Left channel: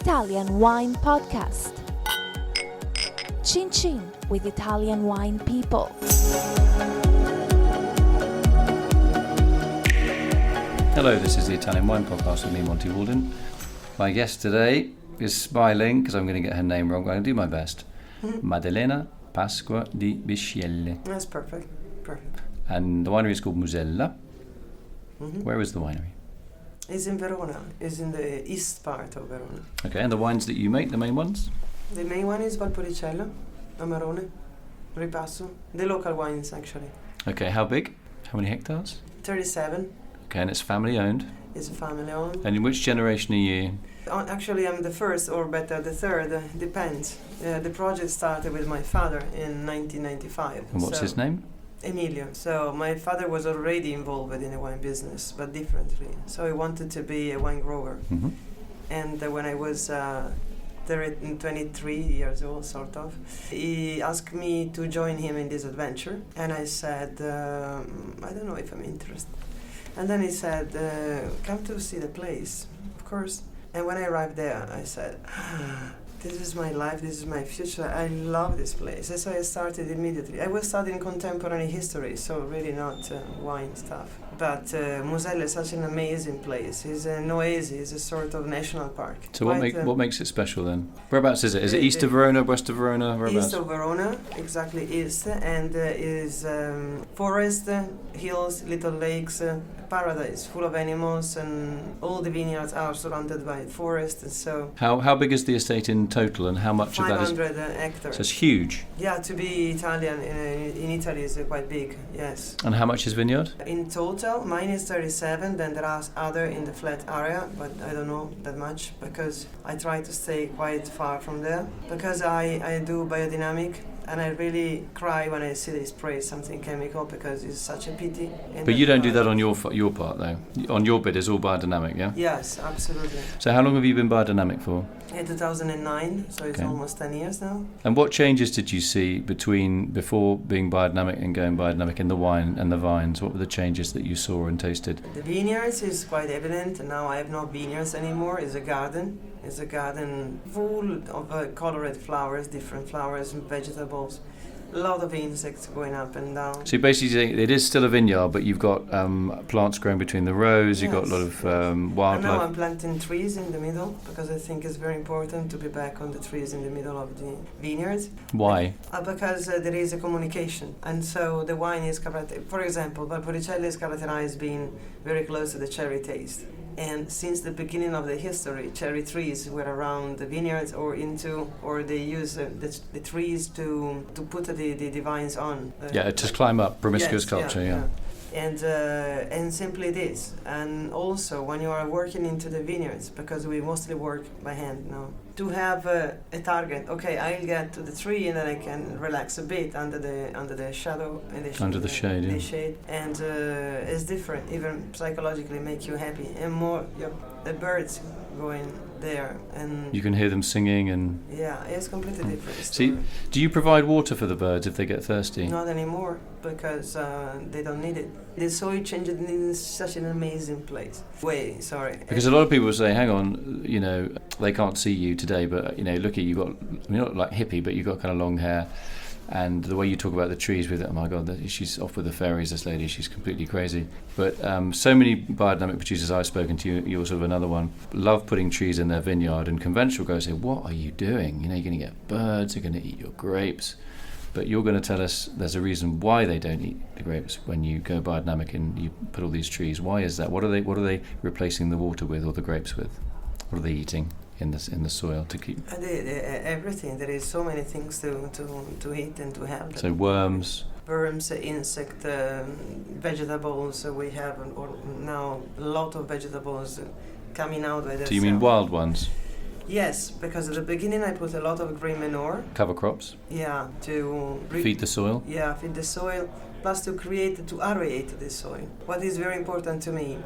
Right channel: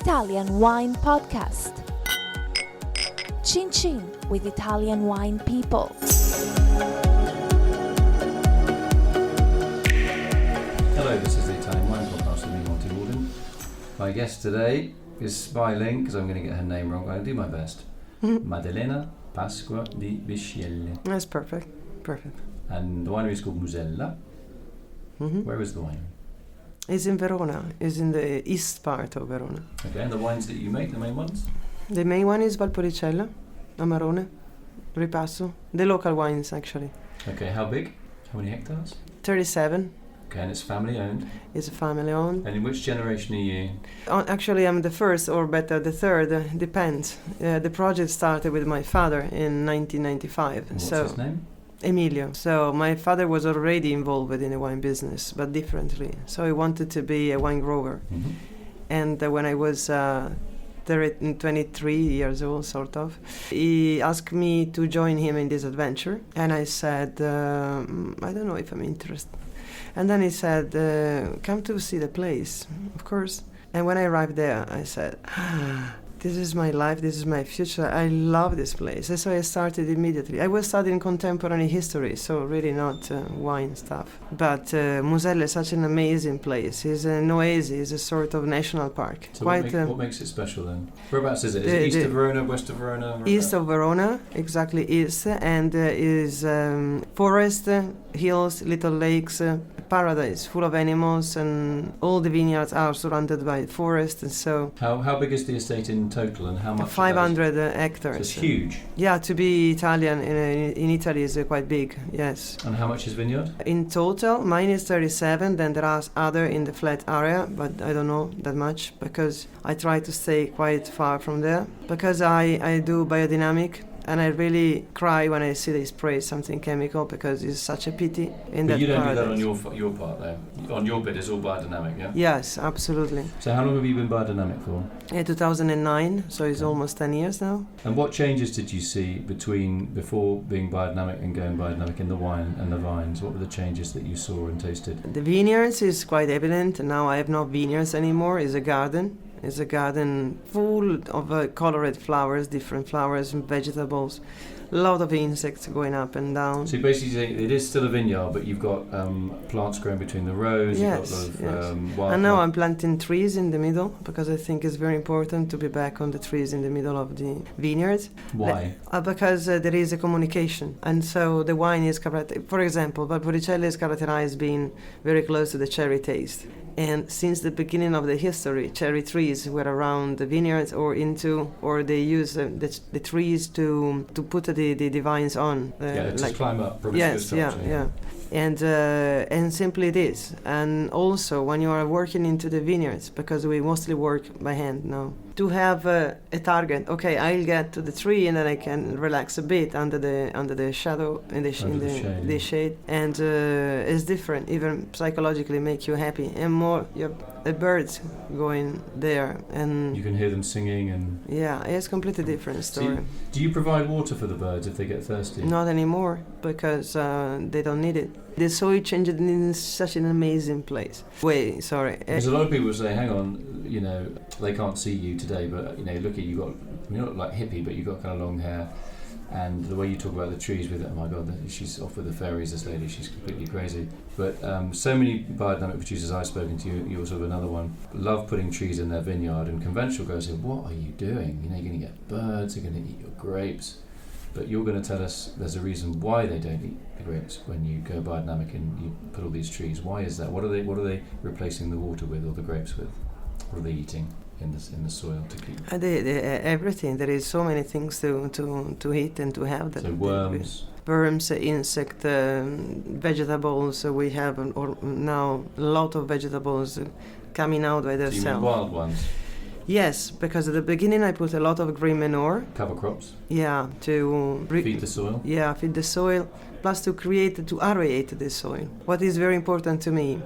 Italian Wine Podcast. Chin Chin with Italian wine people. Hello, this is the Italian Wine Podcast with me, Monty Waldin. My guest today is smiling because I'm going to get her name wrong. I'm going to do my best. Maddalena Pasqua di Bisceglie. That's perfect. Perfect. And the winery is called Musella. Mm-hmm. Where is the winery? It's in Verona. It's in the east part of Verona. Okay, and the wines that you make, the main ones? The main one is Valpolicella, Amarone, Ripasso. The local wines, actually. Okay, how big? How many hectares? 37. Okay, and it's family owned. It's family owned. And in which generation are you? Actually, I'm the first, or better, the third. Depends. The project started with my father in 1995. And what's his name? Emilio. So my father was already involved in the wine business, but differently. So he wanted to be a wine grower. Mm-hmm. And when I was 23 years old, sort of, he asked me to join him in this adventure. And I said, I don't know if I'm interested. And then he said, come to see the place, of course. And when I arrived there, I said, this is my life, this is my future, I love this place. And so I started immediately. I was studying contemporary history, so really not wine stuff. But Musella is such an amazing place. It's an oasis, it's a sort of national park. So what makes it special then? Whereabouts is it? Is it east of Verona, west of Verona? Whereabouts? East of Verona, exactly east, and is forest, hills, little lakes, paradise, full of animals, and all the vineyards are surrounded by forest, and so... How big is the estate in total, and how much? 500 hectares. So it's huge. Yeah, to be Italian in Italy is quite big, yes. And how much is vineyard? In total, mine is 37, then there are other in the flat area, but I don't know that much, because I try to stay quite far from there, because I do biodynamic. And I really cry when I see they spray something chemical, because it's such a pity. But you don't do that on your part though. On your bit, it's all biodynamic, yeah? Yes, absolutely. So how long have you been biodynamic for? 2009, so it's Okay. almost 10 years now. And what changes did you see before being biodynamic and going biodynamic in the wine and the vines? What were the changes that you saw and tasted? The vineyards is quite evident. Now I have no vineyards anymore. It's a garden. It's a garden full of colored flowers, different flowers and vegetables. A lot of insects going up and down. So basically saying it is still a vineyard, but you've got plants growing between the rows, Yes, you've got a lot of yes. wildlife. And now I'm planting trees in the middle, because I think it's very important to be back on the trees in the middle of the vineyards. Why? Because there is a communication. And so the wine is characterized, for example, Valpolicella is characterized being very close to the cherry taste. And since the beginning of the history, cherry trees were around the vineyards or they use the trees to put the vines on. Just climb up, promiscuous culture. Yeah. And simply it is. And also when you are working into the vineyards, because we mostly work by hand now, to have a target. Okay, I'll get to the tree and then I can relax a bit under the shadow in the shade. And it's different. Even psychologically, make you happy, and more the birds going there, and you can hear them singing, and yeah, it's completely different story. So do you provide water for the birds if they get thirsty? Not anymore, because they don't need it. The soil changed in such an amazing place. Because a lot of people say, hang on, they can't see you today, but look at you're not like hippie, but you've got kind of long hair, and the way you talk about the trees with it, oh my god, she's off with the fairies, this lady, she's completely crazy. But so many biodynamic producers I've spoken to, you're sort of another one, love putting trees in their vineyard, and conventional guys say, what are you doing? You're going to get birds, they're going to eat your grapes. But you're going to tell us there's a reason why they don't eat the grapes when you go biodynamic and you put all these trees. Why is that? What are they replacing the water with, or the grapes with? What are they eating in the soil to keep? Everything. There is so many things to eat and to have. So worms, insect, vegetables. We have now a lot of vegetables coming out by themselves. Do you mean wild ones? Yes, because at the beginning I put a lot of green manure. Cover crops? Yeah, to... feed the soil? Yeah, feed the soil, plus to aerate the soil. What is very important to me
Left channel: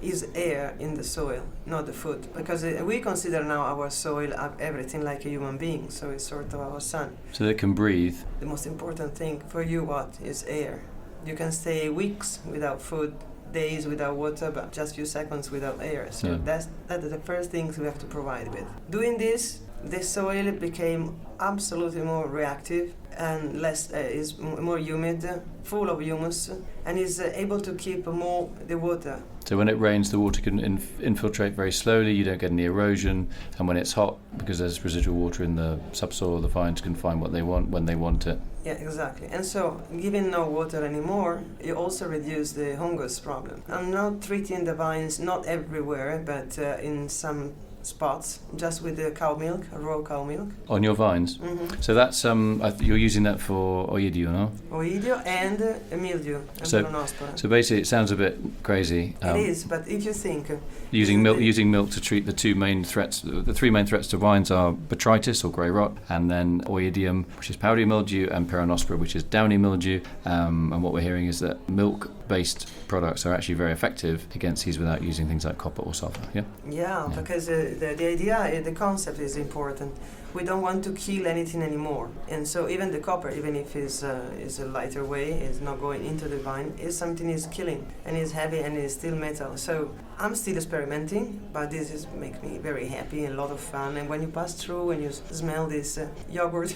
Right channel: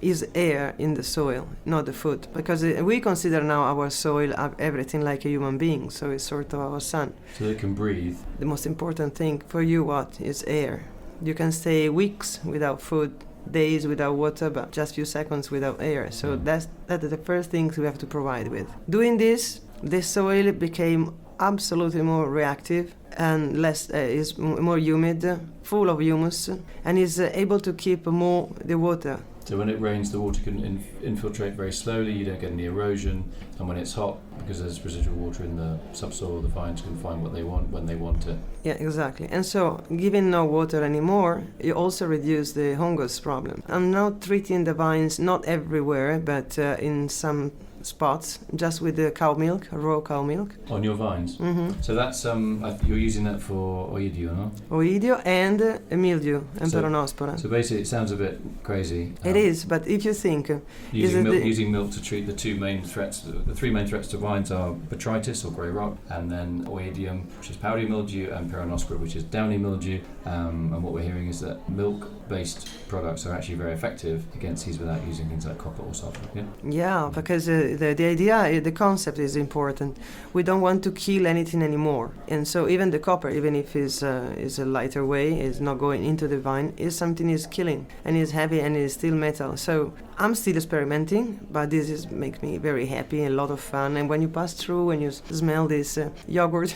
is air in the soil, not the food. Because we consider now our soil everything like a human being, so it's sort of our sun. So they can breathe? The most important thing for you, is air. You can stay weeks without food, days without water, but just few seconds without air. So that's the first things we have to provide with. Doing this, the soil became absolutely more reactive and less is more humid, full of humus, and is able to keep more the water. So when it rains, the water can infiltrate very slowly, you don't get any erosion, and when it's hot, because there's residual water in the subsoil, the vines can find what they want when they want it. Yeah, exactly. And so, giving no water anymore, you also reduce the fungus problem. I'm now treating the vines not everywhere, but in some spots, just with the cow milk, raw cow milk. On your vines? Mm-hmm. So that's, you're using that for oidio, no? Oidio and mildew and peronospora. So basically it sounds a bit crazy. It is, but if you think... Using milk to treat the three main threats to vines are botrytis or grey rot, and then oidium, which is powdery mildew, and peronospora, which is downy mildew. And what we're hearing is that milk-based products are actually very effective against these without using things like copper or sulfur, yeah? Yeah, because the idea, the concept is important. We don't want to kill anything anymore. And so even the copper, even if it's a lighter way, is not going into the vine, is something is killing, and is heavy and is still metal. So I'm still experimenting, but this makes me very happy and a lot of fun. And when you pass through and you smell this yogurt...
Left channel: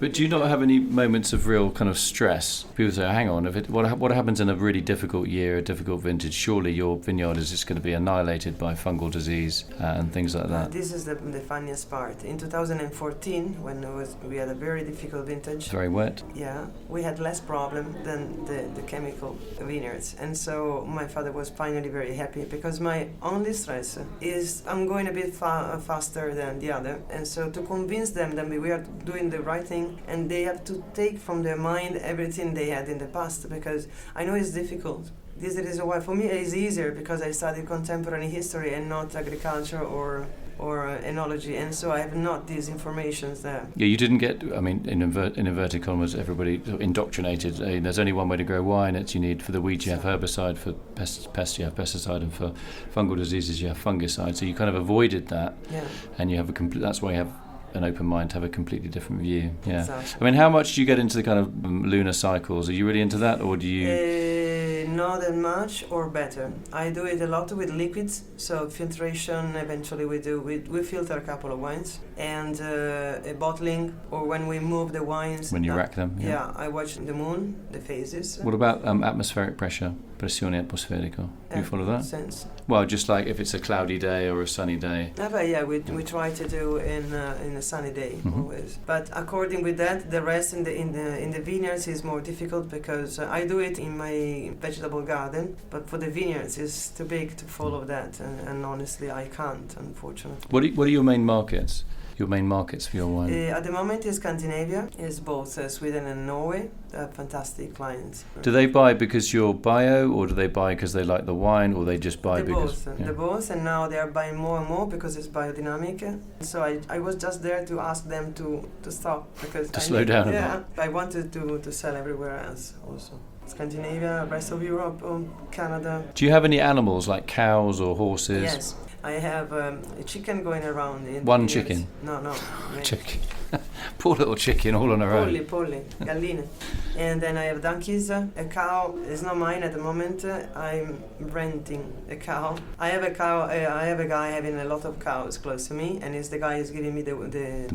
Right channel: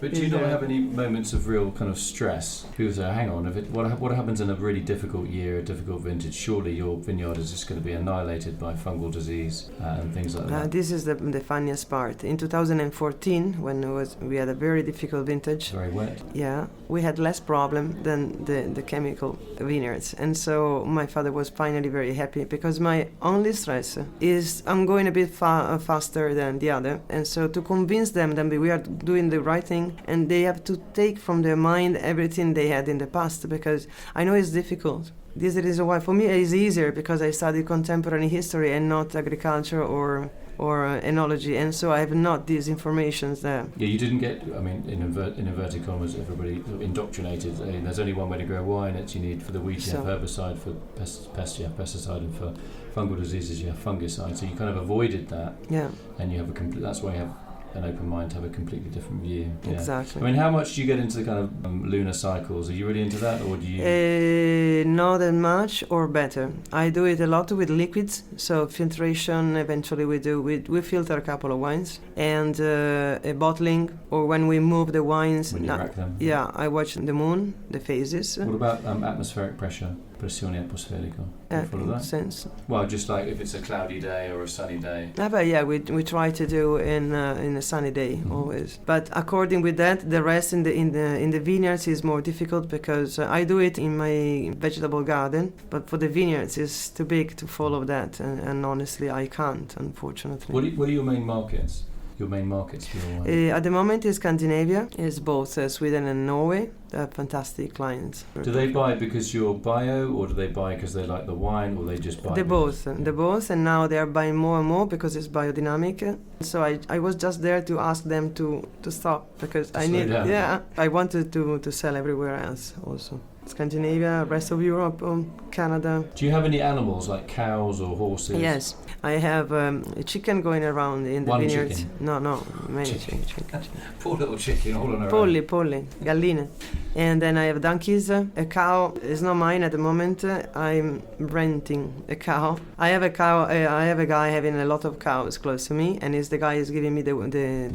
But do you not have any moments of real kind of stress? People say, hang on, what happens in a really difficult year, a difficult vintage? Surely your vineyard is just going to be annihilated by fungal disease and things like that. This is the funniest part. In 2014, when we had a very difficult vintage... Very wet. Yeah, we had less problem than the chemical vineyards. And so my father was finally very happy, because my only stress is I'm going a bit faster than the other, and so to convince them that we are doing the right thing, and they have to take from their mind everything they had in the past, because I know it's difficult. This is the reason why for me it's easier, because I studied contemporary history and not agriculture or enology, and so I have not these informations there. Yeah, you didn't get, I mean, in inverted commas, everybody sort of indoctrinated. There's only one way to grow wine. It's you need, for the weeds you have herbicide, for pests you have pesticide, and for fungal diseases you have fungicide. So you kind of avoided that. Yeah. And you have that's why you have an open mind to have a completely different view. Yeah. Exactly. I mean, how much do you get into the kind of lunar cycles? Are you really into that, or do you... Not that much, or better. I do it a lot with liquids, so filtration eventually we filter a couple of wines, and a bottling, or when we move the wines... When you rack them. Yeah, I watch the moon, the phases. What about atmospheric pressure? Pressione atmosferica. Do you follow that? Sense. Well, just like if it's a cloudy day or a sunny day. But yeah, we try to do in a sunny day always. But according with that, the rest in the vineyards is more difficult, because I do it in my vegetable garden, but for the vineyards it's too big to follow that, and honestly I can't, unfortunately. What are your main markets? Your main markets for your wine? At the moment in Scandinavia is both Sweden and Norway. They're fantastic clients. Do they buy because you're bio, or do they buy because they like the wine, or they just buy? They both, and now they are buying more and more because it's biodynamic. So I was just there to ask them to stop, because I need. Yeah, I wanted to sell everywhere else also. Scandinavia, rest of Europe, Canada. Do you have any animals like cows or horses? Yes, I have a chicken going around in the vineyards. One chicken? No, many chicken. chicken. Poor little chicken, all on her own. Polli, galline. And then I have donkeys. A cow is not mine at the moment. I'm renting a cow. I have a cow. I have a guy having a lot of cows close to me, and the guy is giving me the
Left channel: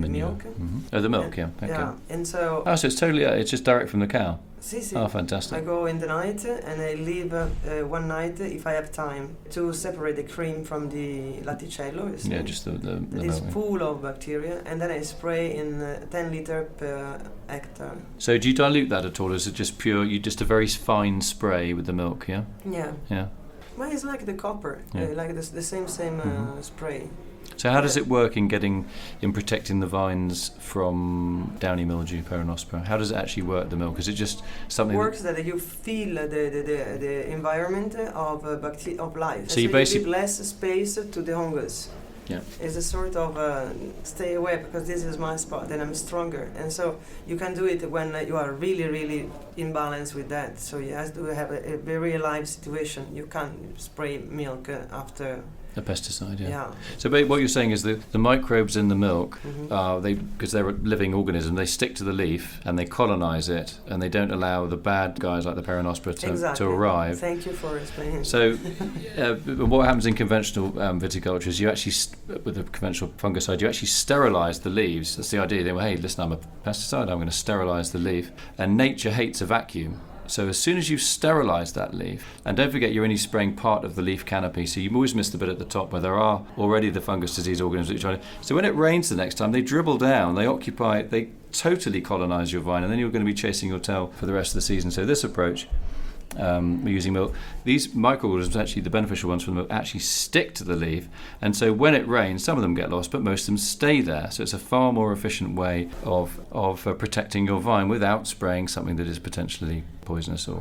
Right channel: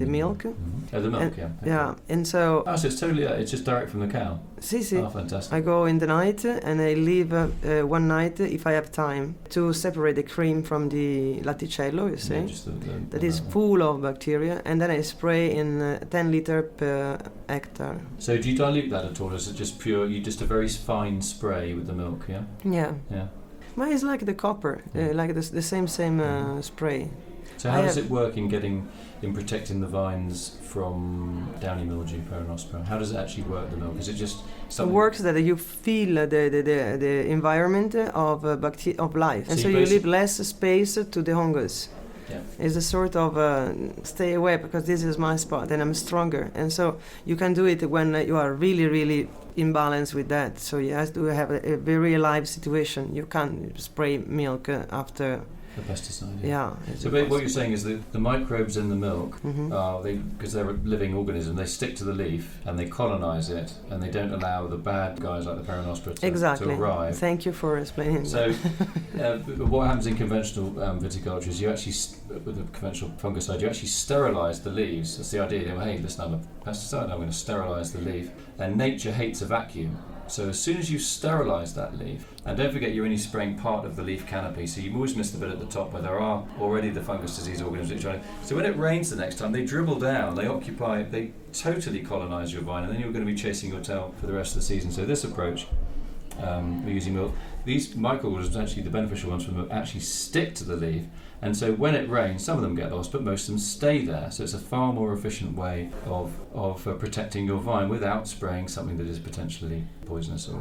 milk. Oh, the milk, and, yeah. Okay. Yeah, and so. Oh, so it's totally. It's just direct from the cow. Si. Oh, fantastic. I go in the night, and I leave one night, if I have time, to separate the cream from the latticello, you see? Yeah, just that is full of bacteria, and then I spray in 10 liter per hectare. So do you dilute that at all? Is it just pure, just a very fine spray with the milk, yeah? Yeah. Yeah. Well, it's like the copper, like the same spray. So how does it work in protecting the vines from downy mildew, peronospora? How does it actually work, the milk? Is it just something... It works that you feel the environment of life, and so you leave less space to the fungus. Yeah. It's a sort of stay away, because this is my spot and I'm stronger. And so you can do it when you are really, really in balance with that. So you have to have a very alive situation. You can't spray milk after The pesticide, Yeah. So what you're saying is that the microbes in the milk, Mm-hmm. because they're a living organism, they stick to the leaf and they colonize it, and they don't allow the bad guys like the Peronospora to arrive. Thank you for explaining. So what happens in conventional viticulture is you actually, with the conventional fungicide, you actually sterilize the leaves. That's the idea. They go, hey, listen, I'm a pesticide, I'm going to sterilize the leaf. And nature hates a vacuum. So as soon as you sterilise that leaf, and don't forget you're only spraying part of the leaf canopy, so you always miss the bit at the top where there are already the fungus disease organisms that you're trying to. So when it rains the next time, they dribble down, they totally colonise your vine, and then you're going to be chasing your tail for the rest of the season. So this approach, we're using milk. These microorganisms, actually the beneficial ones from the milk, actually stick to the leaf, and so when it rains, some of them get lost, but most of them stay there. So it's a far more efficient way of protecting your vine without spraying something that is potentially poisonous or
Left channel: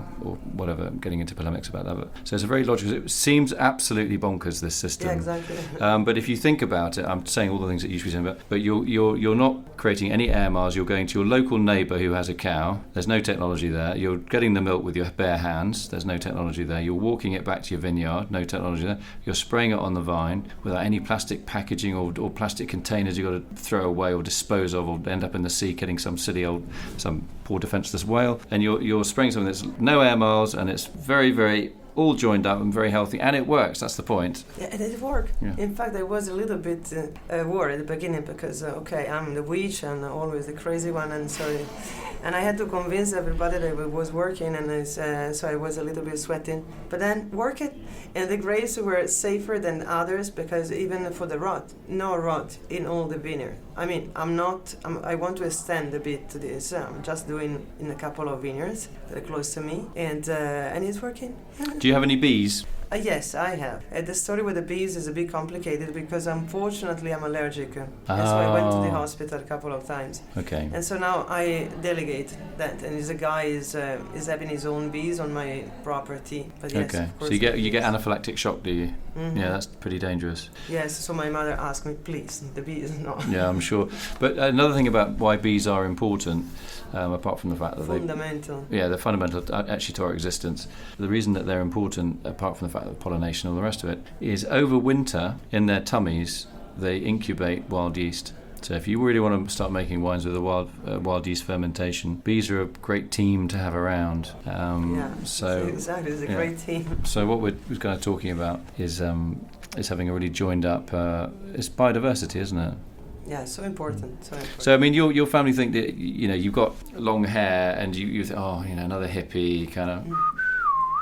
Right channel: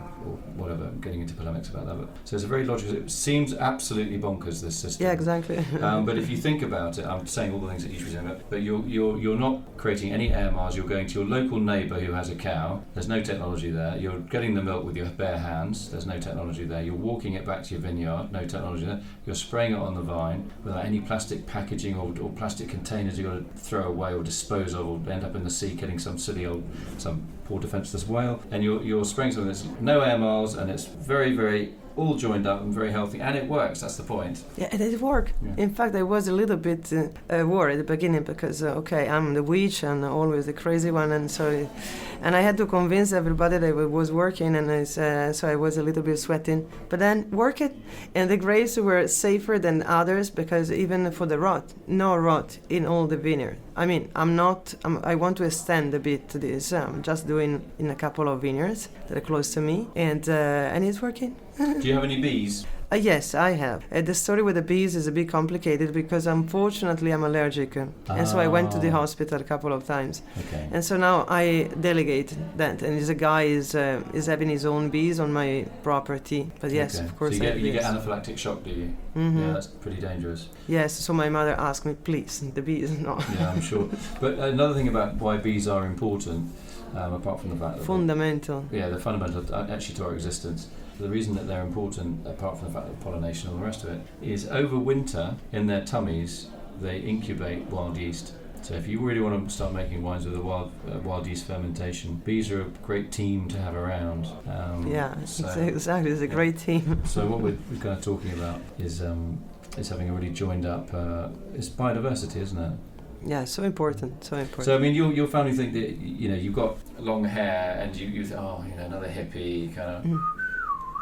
whatever. I'm getting into polemics about that. But, so it's a very logical. It seems absolutely bonkers, this system. Yeah, exactly. But if you think about it, I'm saying all the things that you should be saying about, but you're not creating any air miles. You're going to your local neighbour who has a cow. There's no technology there. You're getting the milk with your bare hands. There's no technology there. You're walking it back to your vineyard. No technology there. You're spraying it on the vine without any plastic packaging or plastic containers you've got to throw away or dispose of or end up in the sea getting some poor defenceless whale. And you're spraying something that's no air miles, and it's very, very all joined up and very healthy, and it works. That's the point. Yeah, it did work. Yeah. In fact, I was a little bit worried at the beginning because, I'm the witch and always the crazy one, and I had to convince everybody that it was working, and so I was a little bit sweating. But then work it, and the grapes were safer than others because even for the rot, no rot in all the vineyard. I mean, I want to extend a bit to this. I'm just doing in a couple of vineyards that are close to me, and it's working. Do you have any bees? Yes, I have. The story with the bees is a bit complicated because unfortunately I'm allergic. And so I went to the hospital a couple of times. Okay. And so now I delegate that. And this guy is having his own bees on my property. But yes, okay. of course. So you get anaphylactic shock, do you? Mm-hmm. Yeah, that's pretty dangerous. Yes, so my mother asked me, please, the bees, no. Yeah, I'm sure. But another thing about why bees are important, apart from the fact that fundamental. they're fundamental actually to our existence. The reason that they're important, apart from the fact that pollination and all the rest of it, is over winter in their tummies they incubate wild yeast. So if you really want to start making wines with a wild yeast fermentation, bees are a great team to have around. Exactly, it's a great team. So what we're kind of talking about is having a really joined up. It's biodiversity, isn't it? Yeah, so important. So I mean, your family think that you've got long hair and you think, another hippie kind of.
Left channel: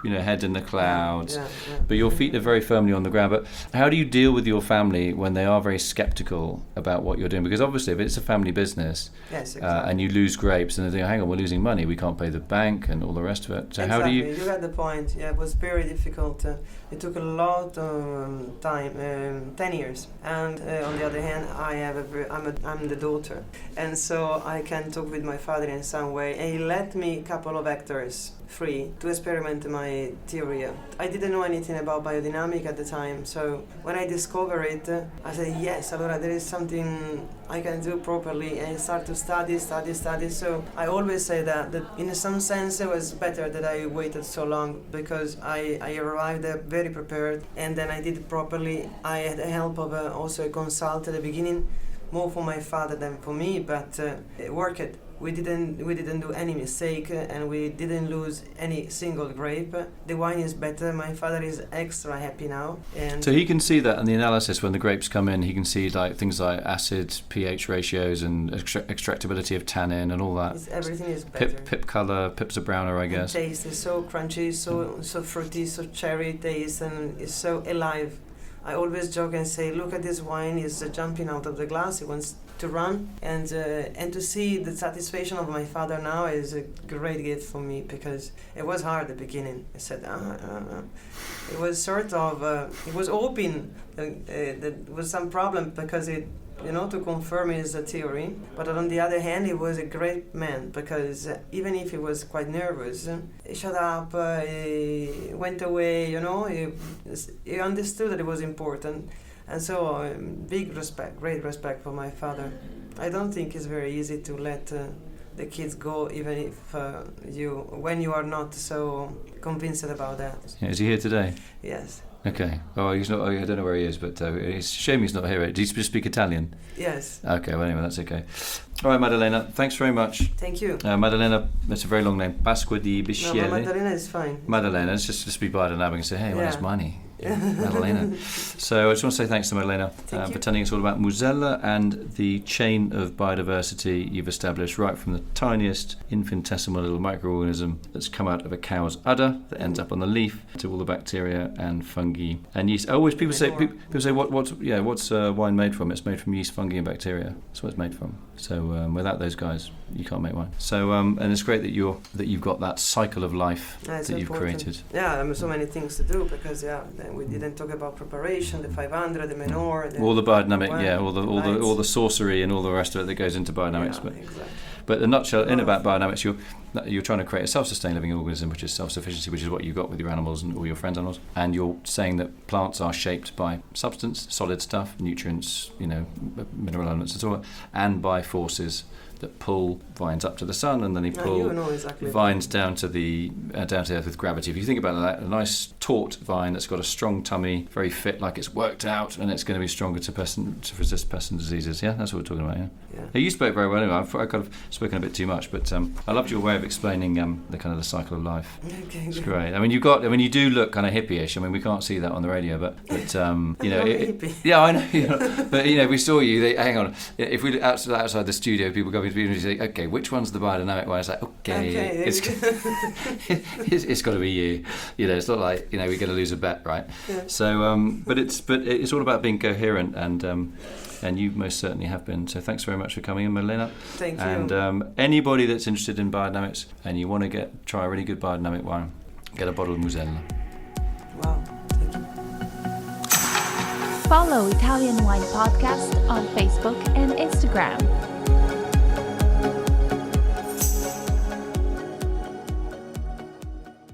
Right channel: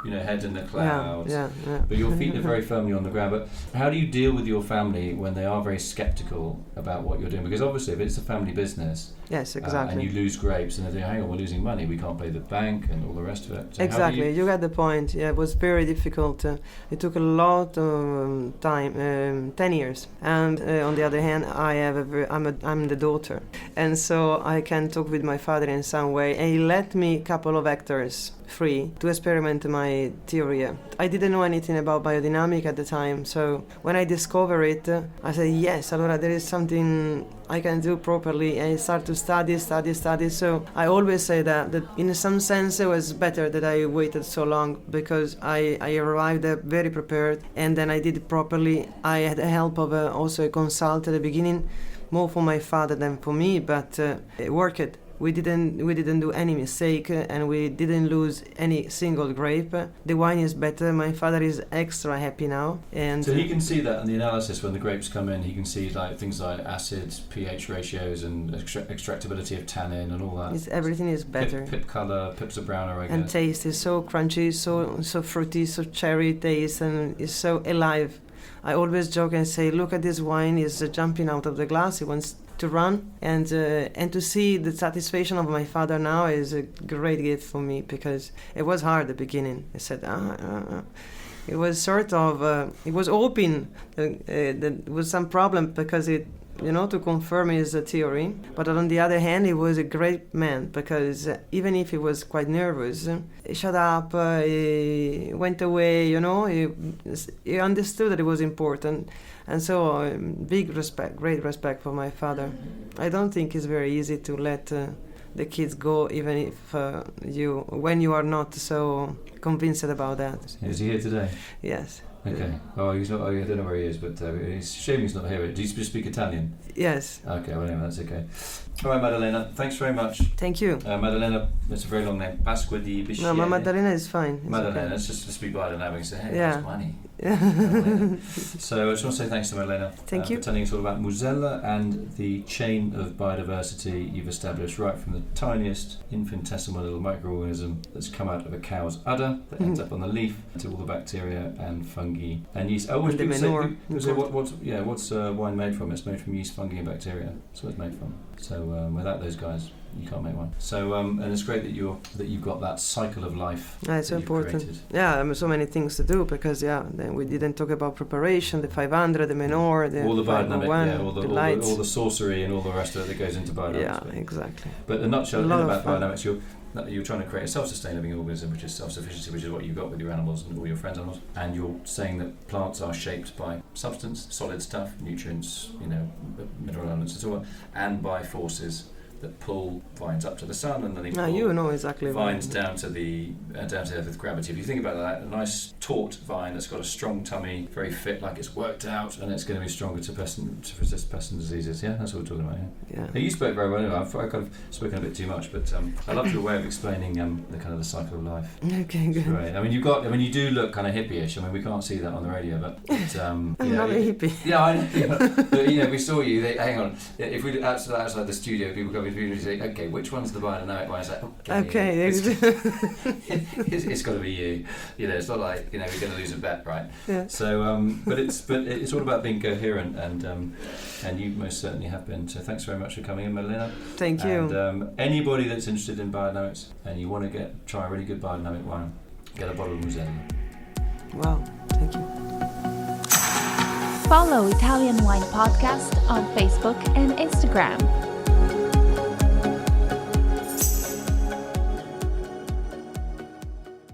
Head in the clouds. Yeah. But your feet are very firmly on the ground. But how do you deal with your family when they are very sceptical about what you're doing? Because obviously, if it's a family business, yes, exactly, and you lose grapes, and they think, hang on, we're losing money, we can't pay the bank, and all the rest of it. So exactly, you got the point. Yeah, it was very difficult. It took a lot of time, 10 years. And on the other hand, I'm the daughter, and so I can talk with my father in some way. And he let me a couple of hectares free to experiment my theory. I didn't know anything about biodynamic at the time, so when I discovered it, I said, yes, allora there is something I can do properly, and I start to study. So I always say that in some sense it was better that I waited so long, because I arrived there very prepared, and then I did it properly. I had the help of also a consultant at the beginning, more for my father than for me, but it worked. We didn't do any mistake, and we didn't lose any single grape. The wine is better. My father is extra happy now, and so he can see that in the analysis when the grapes come in. He can see things like acid, pH ratios, and extractability of tannin and all that. Everything is better. Pip color, pips are browner, I guess. And taste is so crunchy, so fruity, so cherry taste, and it's so alive. I always joke and say, look at this wine, is jumping out of the glass. It wants to run, and to see the satisfaction of my father now is a great gift for me, because it was hard at the beginning. I said, it was sort of, it was hoping that there was some problem, because it, to confirm his theory. But on the other hand, he was a great man, because even if he was quite nervous, he shut up, he went away, he understood that it was important. And so, great respect for my father. I don't think it's very easy to let the kids go, even if when you are not so convinced about that. Is he here today? Yes. Okay. Oh, he's not. I don't know where he is, but it's a shame he's not here. Do you speak Italian? Yes. Okay. Well, anyway, that's okay. All right, Maddalena. Thanks very much. Thank you. Maddalena. That's a very long name. Pasqua di No, Bisceglie. my Maddalena is fine. Maddalena. It's just be biodynamic and say, hey, Yeah. where's money? Yeah. Maddalena. So I just want to say thanks to Maddalena Thank you. for telling us all about Musella and the chain of biodiversity you've established, right from the tiniest infinitesimal little microorganism that's come out of a cow's udder that ends up on the leaf to all the bacteria and fungi and yeast. Always And the people say, manure. what's wine made from? It's made from yeast, fungi, and bacteria. That's what it's made from. So without those guys, you can't make wine. So and it's great that you've got that cycle of life It's that you've important. created. Yeah, so many things to do because then we didn't talk about preparation, the 500, the manure, All the biodynamic, 501, all the sorcery and all the rest of it that goes into biodynamics. Yeah, exactly. But the nutshell A lot about of fun. biodynamics, you're trying to create a self-sustaining living organism, which is self-sufficiency, which is what you got with your animals and all your friends' animals. And you're saying that plants are shaped by substance, solid stuff, nutrients, mineral elements and so on, and by forces that pull vines up to the sun and then they pull You know exactly vines down to the earth with gravity. If you think about that, a nice taut vine that's got a strong tummy, very fit, like it's worked out, and it's going to be stronger to resist pests and diseases. Yeah, that's what we're talking about. Yeah. You spoke very well. Anyway, I've kind of spoken a bit too much, but I loved your way of explaining the kind of the cycle of life. Okay, It's good. great. I mean, you do look kind of hippie-ish. I mean, we can't see that on the radio, but I'm not a hippie. Yeah, I know. But we saw you. Hang on. If we look outside the studio, people go into the and say, "Okay, which one's the biodynamic one?" It's like, Okay. it's got to be you. It's not like we're going to lose a bet, right? Yeah. So, but it's all about being coherent, and you most certainly have been. So, thanks very much for coming in, Maddalena. Thank you. And anybody that's interested in biodynamics and you want to try a really good biodynamic wine, get a bottle of Musella. Wow, thank you. Follow Italian Wine Podcast on Facebook and Instagram.